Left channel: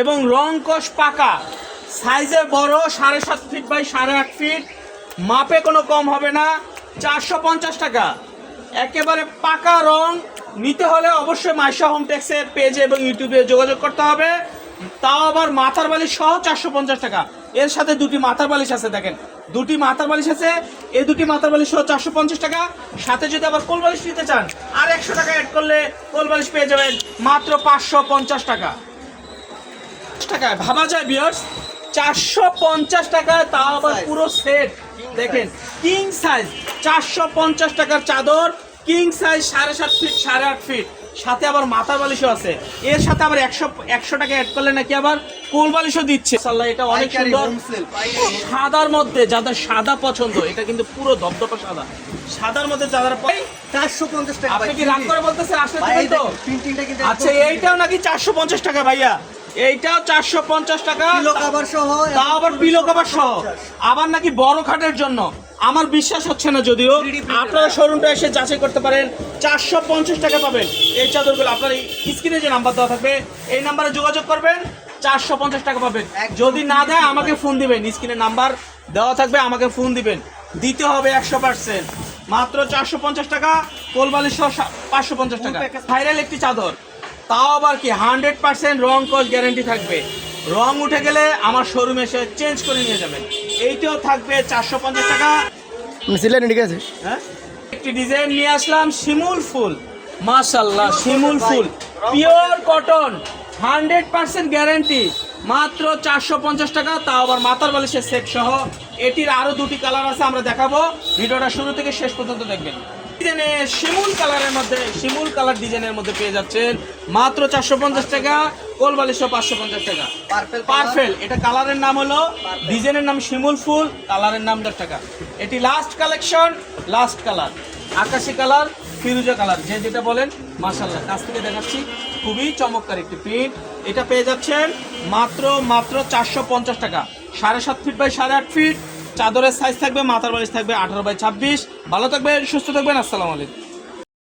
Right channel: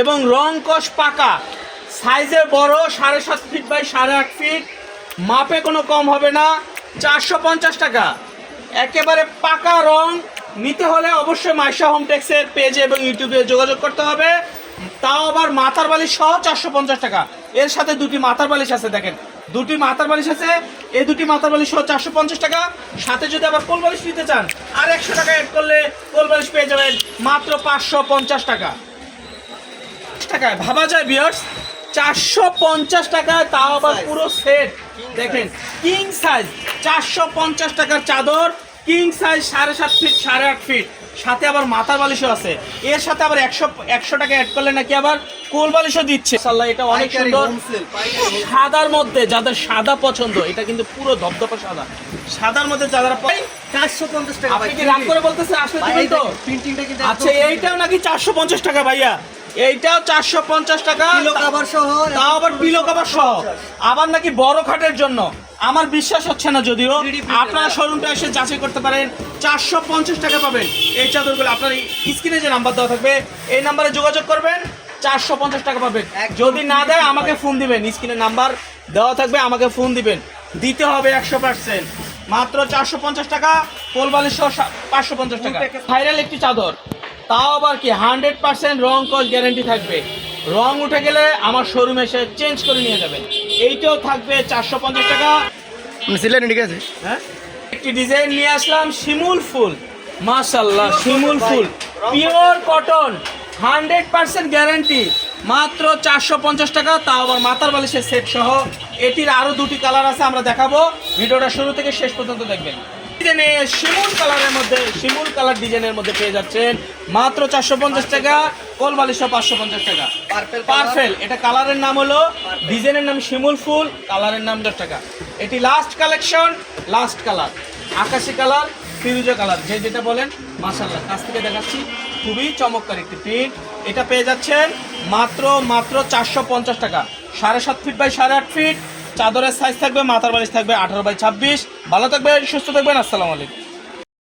এবং রং কষ পাকা, সাইজে বড়, 7.5 ফিট বাই 8.5 ফিট, মাপে কোনো কম হবে না। 450 টাকা, একেবারে পাকা রং। নিতে হলে অবশ্যই মাইশা হোম টেক্সের পেজে এবং ইউটিউবে যোগাযোগ করতে হবে। তাও আবার মাথার বালিশ সহ 450 টাকা। এর সাথে দুটি মাথার বালিশ আছে, দেখেন দুটি মাথার বালিশ আছে, এই দুটি মাথার বালিশ সহ 450 টাকা। সাথে যদি আবার কোল বালিশ নিতে চান আর 100 টাকা অ্যাড করলে কোল বালিশ পেয়ে যাবেন মাত্র 550 টাকা। টাকায় ভাবা যায় ভিউয়ার্স, 450 টাকা, তাও আবার পুরো সেট। দেখেন কিং সাইজ, 450 টাকার চাদর, কিং সাইজ, 7.5 ফিট 8.5 ফিট, সাথে আবার মাথার বালিশও আছে। এর সাথে আবার 100 টাকা অ্যাড করলে নাকি আবার কোল বালিশও দিচ্ছে। মাশাআল্লাহ, এটা অনেক সুন্দর। সাদার মধ্যে যাদের সাদা পছন্দ, এটা কিন্তু পুরো ধবধবে সাদা। সাদার মধ্যে যারা পাই 450 টাকা। আপনি কি রাগ করে বলতেছেন আসলে দিবেন তো? প্রিন্টিংটা কিন্তু আচ্ছা, এইটাও নাকি 450 টাকা ভাইয়া, এইটাও 450 টাকা, পিলো কভার সহ, তাও আবার পিলো কভার সহ, আবার নাকি বড় খাটের জন্য। আমার বিশ্বাস হচ্ছে না, যদিও আপনারা শোরুমটা এসে যাচাই করতে পারেন। 450 টাকা পাবেন এই চাদরগুলো। আপনার স্ক্রিনে যে নাম্বার দেওয়া থাকবে এই নাম্বারে যোগাযোগ করবেন, 450 টাকা পাবেন। যদি না দেয় আমাকে ফোন দিবেন, স্ক্রিনে নাম্বার দেওয়া থাকবে, আমাকে ফোন দিবেন, দিতে হবে 100%। মাত্র 450 টাকা, কোল বালিশ সহ 550 টাকা। ভাইরাল একটি চাদর, তাও আবার কি 100% রং কস গ্যারান্টি থাকবে। রং উঠে গেলে আমার শোরুমে এসে চেঞ্জ করে নিয়ে যাবেন। এইটাও থাকবে 450 টাকা। ঠিক আছে। হ্যাঁ, একটি ডিজাইন নিয়ে আসলাম, শিমুল ফুল। মাশাআল্লাহ, শিমুল ফুল, পিওর কটন, 100% গ্যারান্টি, মাত্র 450 টাকা, তাও আবার মাথার বালিশের সেট সহ। এটির আরো দুটি কালার আছে, আমরা দেখাবো। ভিডিওটা শুরু থেকে শেষ পর্যন্ত দেখবেন। শিমুল কালারের মধ্যে, শিমুল কালার ডিজাইনের মধ্যে পেয়ে যাচ্ছেন মাত্র 450 টাকা, কোল বালিশও 550 টাকা। পার্পেল, এটা কালারের নাম হলো, ডিজাইনের নাম শিমুল ফুল, কালারের নাম 10 টাকা। এটি লাস্ট কালেকশন, লাস্ট কালার আকাশি কালার, ফিরোজা কালার, যে যেটা বলেন। মাশাআল্লাহ, কাছ থেকে দেখাচ্ছি, খুবই চমৎকার একটি প্রিন্ট। এটা পেয়ে যাচ্ছেন মাত্র 450 টাকা। 7.5 ফিট বাই 8.5 ফিট, চাদরের সাইজ থাকবে, মাথার বালিশ থাকবে 18 বাই 26। ভালো থাকবেন, সুস্থ থাকবেন, আসসালামু আলাইকুম।